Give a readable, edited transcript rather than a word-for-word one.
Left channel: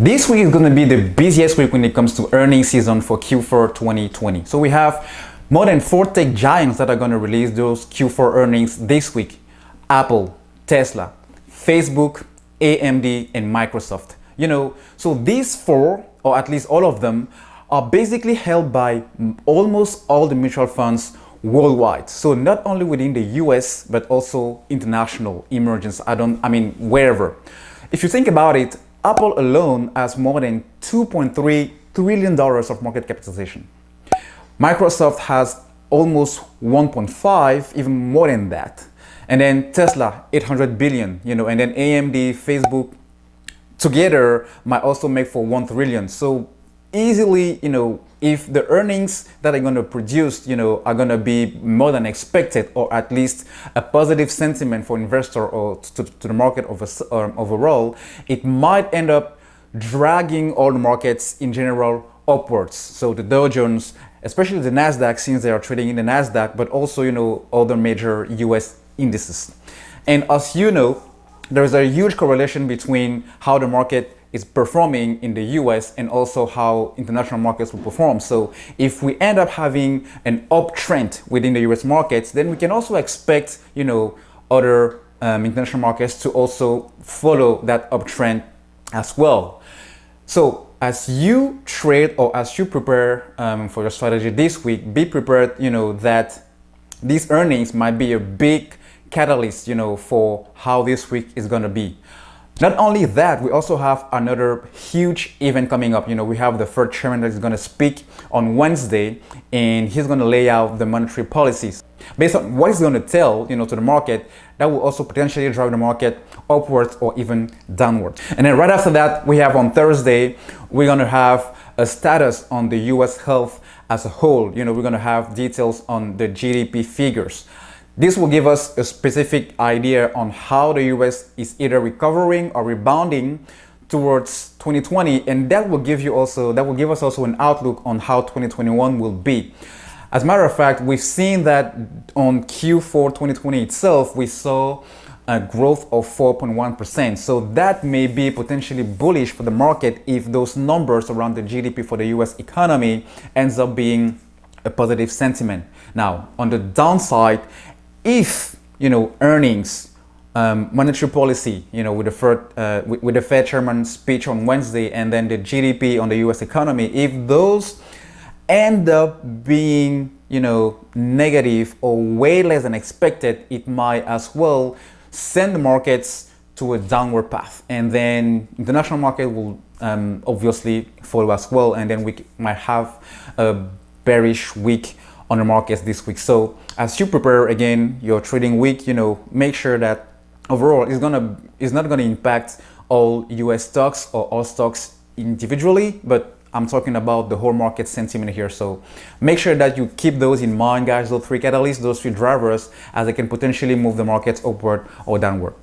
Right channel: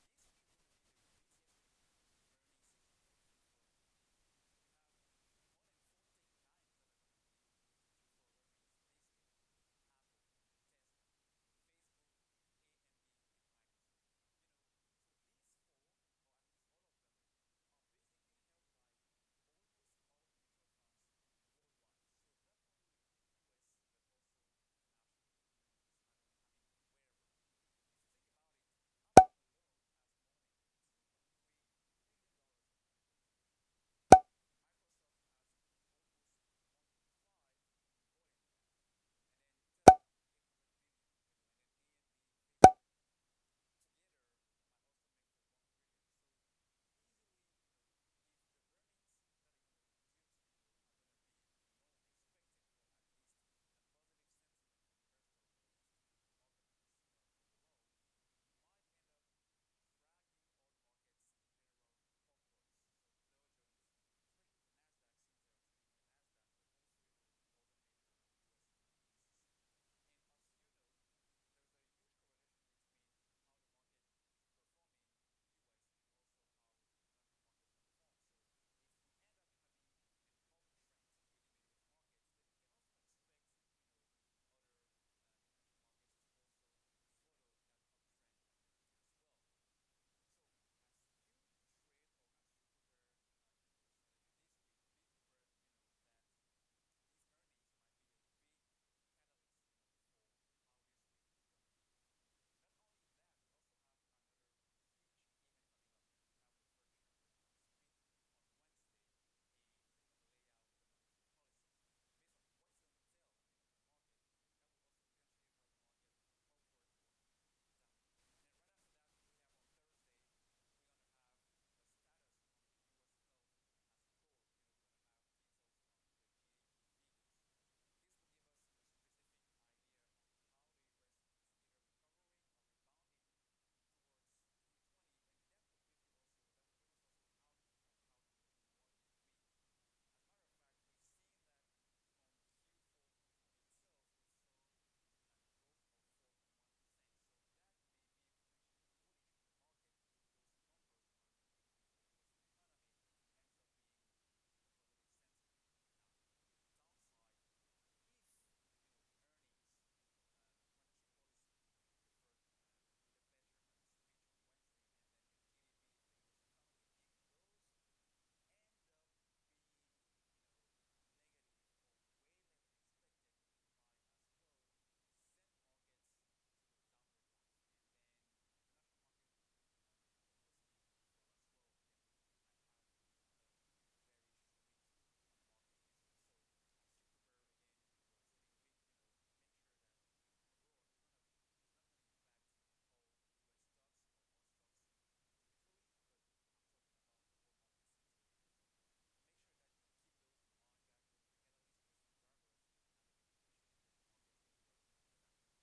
This week is going to be the busiest week when it comes to earnings season for Q4 2020. So we have more than 4 tech giants that are going to release those Q4 earnings this week. Apple, Tesla, Facebook, AMD, and Microsoft. So these 4, or at least all of them, are basically held by almost all the mutual funds worldwide. So not only within the US, but also international emergence. Wherever. If you think about it, Apple alone has more than $2.3 trillion of market capitalization. Microsoft has almost 1.5, even more than that. And then Tesla, 800 billion, and then AMD, Facebook together might also make for 1 trillion. So easily, if the earnings that are going to produce, are going to be more than expected, or at least a positive sentiment for investor or to the market overall, it might end up dragging all the markets in general upwards. So the Dow Jones, especially the Nasdaq, since they are trading in the Nasdaq, but also, other major US indices. And as you know, there is a huge correlation between how the market is performing in the US and also how international markets will perform. So if we end up having an uptrend within the US markets, then we can also expect, other international markets to also follow that uptrend as well. So as you trade or as you prepare for your strategy this week, be prepared, that these earnings might be a big catalyst, for how this week is going to be. Not only that, we also have another huge event coming up. We have the Fed chairman that is going to speak on Wednesday, and he's going to lay out the monetary policies. Based on what he's going to tell, to the market, that will also potentially drive the market upwards or even downwards. And then right after that, we have on Thursday, we're going to have a status on the US health as a whole. We're going to have details on the GDP figures. This will give us a specific idea on how the US is either recovering or rebounding towards 2020, and that will give us also an outlook on how 2021 will be. As a matter of fact, we've seen that on Q4 2020 itself, we saw a growth of 4.1%. So that may be potentially bullish for the market if those numbers around the GDP for the US economy ends up being a positive sentiment. Now, on the downside, if earnings, monetary policy, with the Fed chairman's speech on Wednesday, and then the GDP on the U.S. economy, if those end up being negative or way less than expected, it might as well send the markets to a downward path, and then international market will obviously follow as well, and then we might have a bearish week on the markets this week. So as you prepare again your trading week, make sure that overall it's not gonna impact all US stocks or all stocks individually, but I'm talking about the whole market sentiment here. So make sure that you keep those in mind, guys, those 3 catalysts, those 3 drivers, as they can potentially move the markets upward or downward.